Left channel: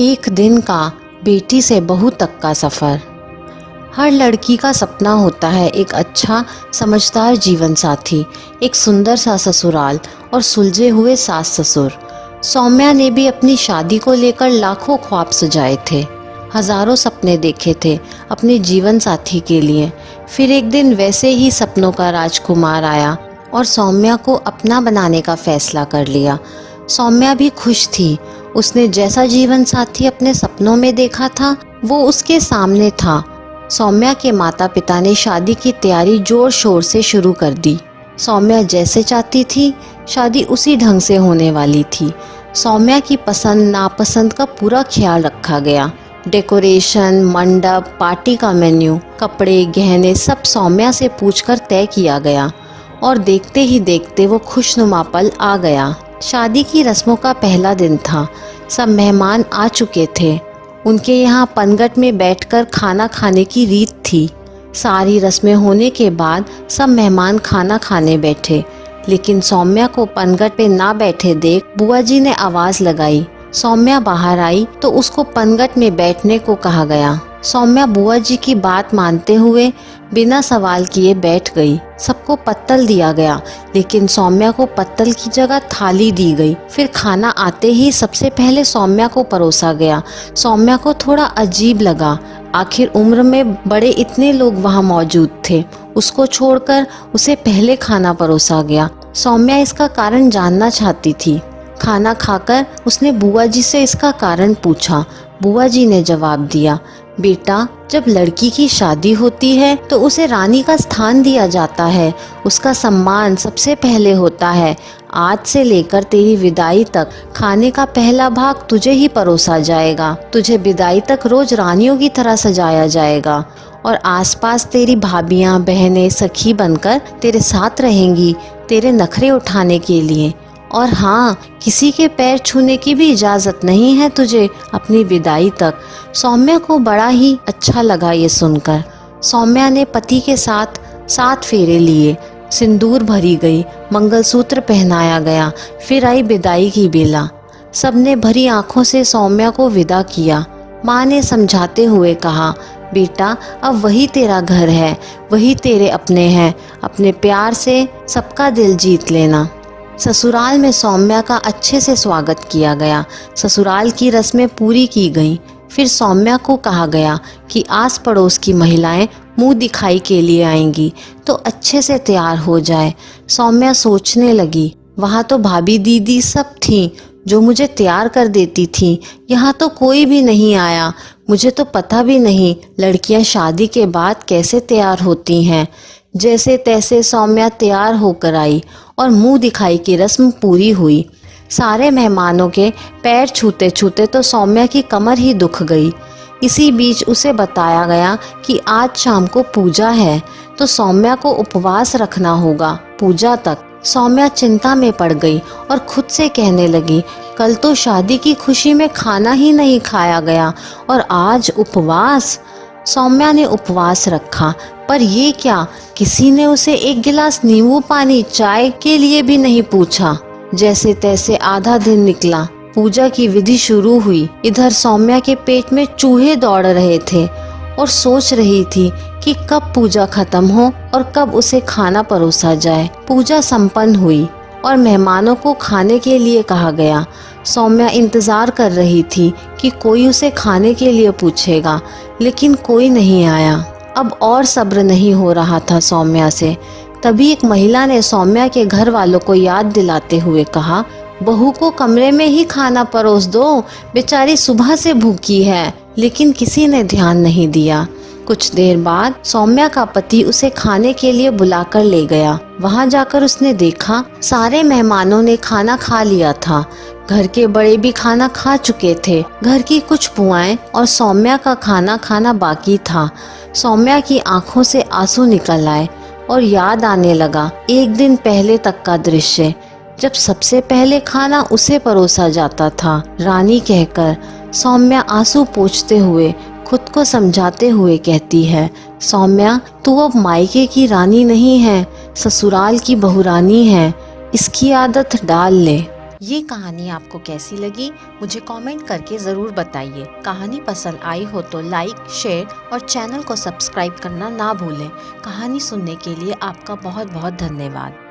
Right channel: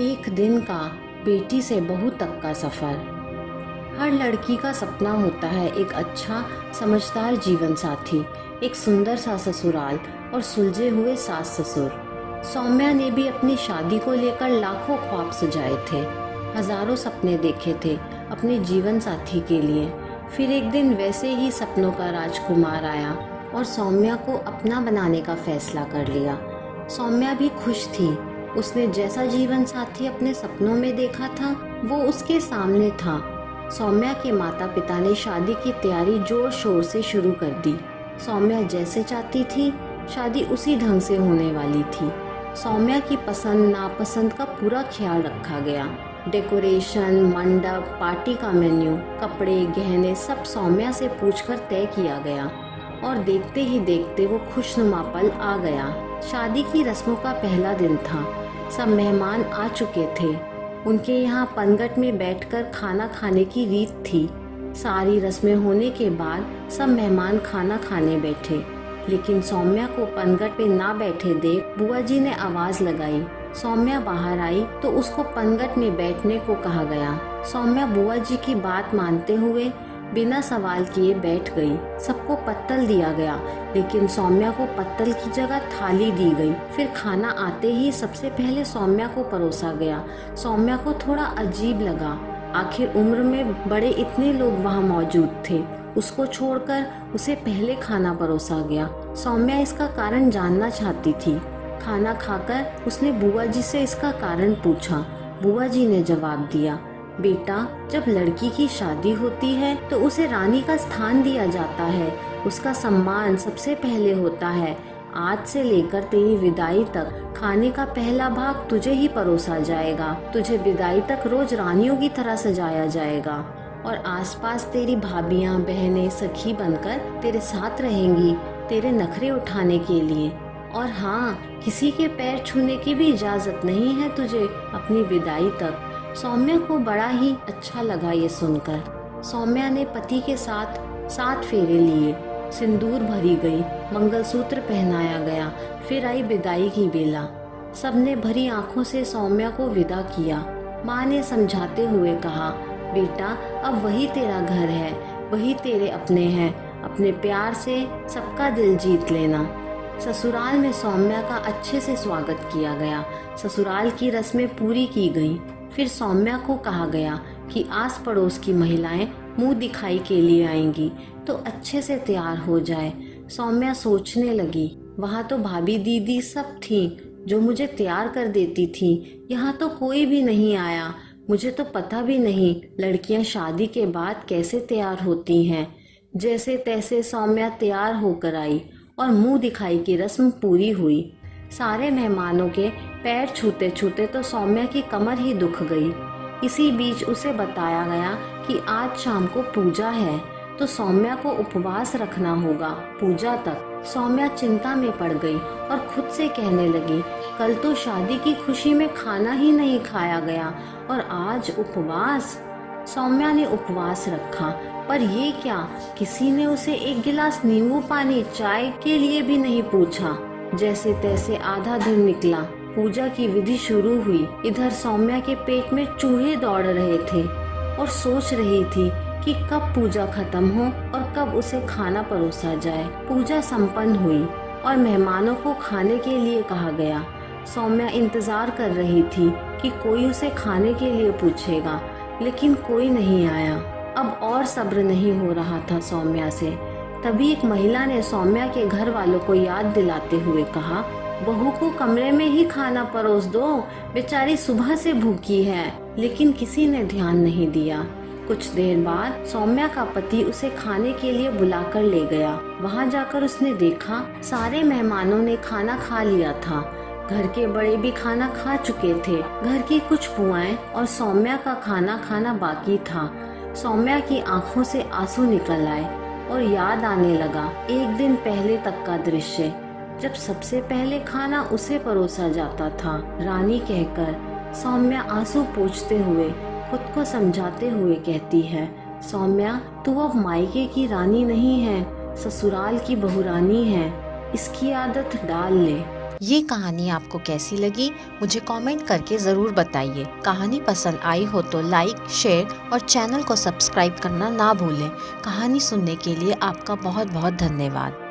एक दिन का बेटी से बहू तक का सफ़र। हर लड़की का सपना होता है एक अच्छा समझदार जीवन साथी, एक सुंदर सा ससुराल और सुलझे हुए सास ससुर। सौम्या ने भी अपनी शादी को लेकर लाखों ख्वाब सजाए थे, हजारों सपने देखे थे अपने जीवन साथी के लिए। फिर एक दिन वैसे ही सपनों का राजकुमार आया और सौम्या को अपना बनाने का फैसला कर लिया। सौम्या भी खुश थी। उसने जैसा जीवन साथी अपने सपनों में देखा था वो उसके सामने था। सौम्या के माता पिता ने शादी की तैयारी जोर शोर से शुरू कर दी। सौम्या जैसे चाहती थी शादी उसी ढंग से होने वाली थी। सौम्या की पसंद नापसंद का पूरा ख्याल रखा गया। डेकोरेशन, मंडप, पार्टी का मेन्यू, कपड़े, गहने सब सौम्या से पूछकर तय किया गया और देखते ही देखते वो खुशनुमा पल आ गया। शादी की रस्मों का पहला दिन था। सब मेहमान आ चुके थे। उनके यहाँ पनघट में बैठकर खाना खाने की रीत थी। सारी रस्में होने के बाद सब मेहमान खाना खाने बैठे, लेकिन सौम्या को पनघट पे ना बैठे देख बुआ जी ने आवाज़ लगाई। सौम्या बाहर आई तो उसको पनघट में बैठने को कहा गया। सौम्या बुआ जी की बात मानते हुए बिना सवाल किए बैठ गई। सबको पत्तल दिया गया, लेकिन सौम्या को पत्तल की जगह थाली दी गई। फिर खाना आते ही सबसे पहले सौम्या को परोसा गया। सौम्या को थोड़ा अजीब लगा, आखिर उम्र में बड़े इतने लोग वहाँ मौजूद थे। उसको छोड़कर उसे पहले खाना परोसा गया। सौम्या इसका कारण जानना चाहती थी। खाना खाकर उसने बुआ जी से इसका कारण पूछा। बुआ जी ने जवाब दिया, बेटा, जब लड़की की शादी होती है तो उसे रानी का स्थान दिया जाता है। उसका सम्मान सबसे पहले होता है। आज से लेकर तेरी विदाई तक खाने का पहला भाग तुझे ही परोसा जाएगा। तुझे विदाई तक रोज रानियों की तरह सजाया जाएगा और आसपास तेरी भाभियाँ, बहनें, सखी बनकर तेरे साथ रहेंगी, तेरे नखरे उठाने के लिए। और हाँ, किसी के पैर छूने की भी इजाज़त नहीं है तुझे अपनी विदाई तक। सौम्या को बड़ा ही अच्छा लगा ये सुनकर। सौम्या ने पति के साथ 7 फेरे लिए, सिंदूर भरी गई, मंगलसूत्र पहनाया गया। फिर आई विदाई की बेला। सबने भरी आंखों से सौम्या को विदा किया। माँ ने समझाते हुए कहा, बेटा, अब वही तेरा घर है, वही तेरे अपने हैं। अपने प्यार से सबका दिल जीत लेना। ससुराल में सौम्या का अच्छे से स्वागत किया गया। ससुराल की रस्में पूरी की गईं। फिर सौम्या को कहा गया कि आस पड़ोस की महिलाएं मुंह दिखाई के लिए आएंगी, तो अच्छे से तैयार हो जाए। सौम्या सोचने लगी, वहाँ तो भाभी दीदी सब थीं जो मुझे तैयार कर देती थीं। यहाँ तो कोई भी नहीं आया। मुझे तो पता भी नहीं लड़कियाँ शादी के बाद कैसे तैयार होती हैं। जैसे तैसे सौम्या तैयार होकर आई और मुंह दिखाई की रस्म पूरी हुई। सारे मेहमानों के पैर छूते छूते तो सौम्या की कमर ही दुख गई। इसी बीच उसे बताया गया कि आज शाम को पूजा है, तो सौम्या को उपवास रखना होगा पूजा तक। सौम्या चिंता में पड़ गई और खुद से कहने लगी, कल तो शादी की खुशी में खाना ही नहीं खाया गया और आज उपवास। सौम्या ने उपवास रखा, पर ये क्या, किसी ने उसे एक गिलास नींबू पानी चाय के लिए भी नहीं पूछा। जैसे तैसे आधा दिन निकला। पूजा की विधि शुरू हुई। इधर सौम्या के पेट में चूहे दौड़ रहे थे और सोच रही थी कि कब पूजा खत्म हो और कब उसे खाना परोसा जाए। पूजा संपन्न हुई और मेहमानों को खाने के लिए कहा गया। सौम्या इंतजार कर रही थी कि कोई उसे खाने के लिए पूछेगा, लेकिन कोई नहीं आया। अब और सब्र नहीं हो रहा था सौम्या से। तभी एक महिला ने सौम्या के घर वालों को याद दिलाते हुए कहा, बहू को कमरे में ही खाना परोस दो, बेचारी सुबह से भूखी है। लेकिन किसी ने ध्यान नहीं दिया। कुछ देर बाद सौम्या का पति उसे खाने के लिए बुलाकर ले गया। वहां जाकर उसने देखा सारे मेहमानों ने खाना खा लिया था। घर के बड़े भी खाना खा चुके थे। घर की कुछ बुआएं और सौम्या का खाना खाना बाकी था। सौम्या की आंखों से आंसू निकल आए और याद आने लगा एक दिन पहले तक का दृश्य, जब सबसे पहले खाना उसे परोसा जाता था रानी कहकर। सौम्या आंसू पोंछते हुए खुद को समझाते हुए कहती है, सौम्या, तू अब मायके की रानी नहीं है, ससुराल की बहुरानी है। इसकी आदत डाल ले। ये कहानी आपको कैसी लगी मुझे कमेंट करके ज़रूर बताइए। कहानी पसंद आई हो तो लाइक, शेयर और चैनल को सब्सक्राइब करना ना भूलें। कहानी सुनने के लिए आपका बहुत बहुत धन्यवाद।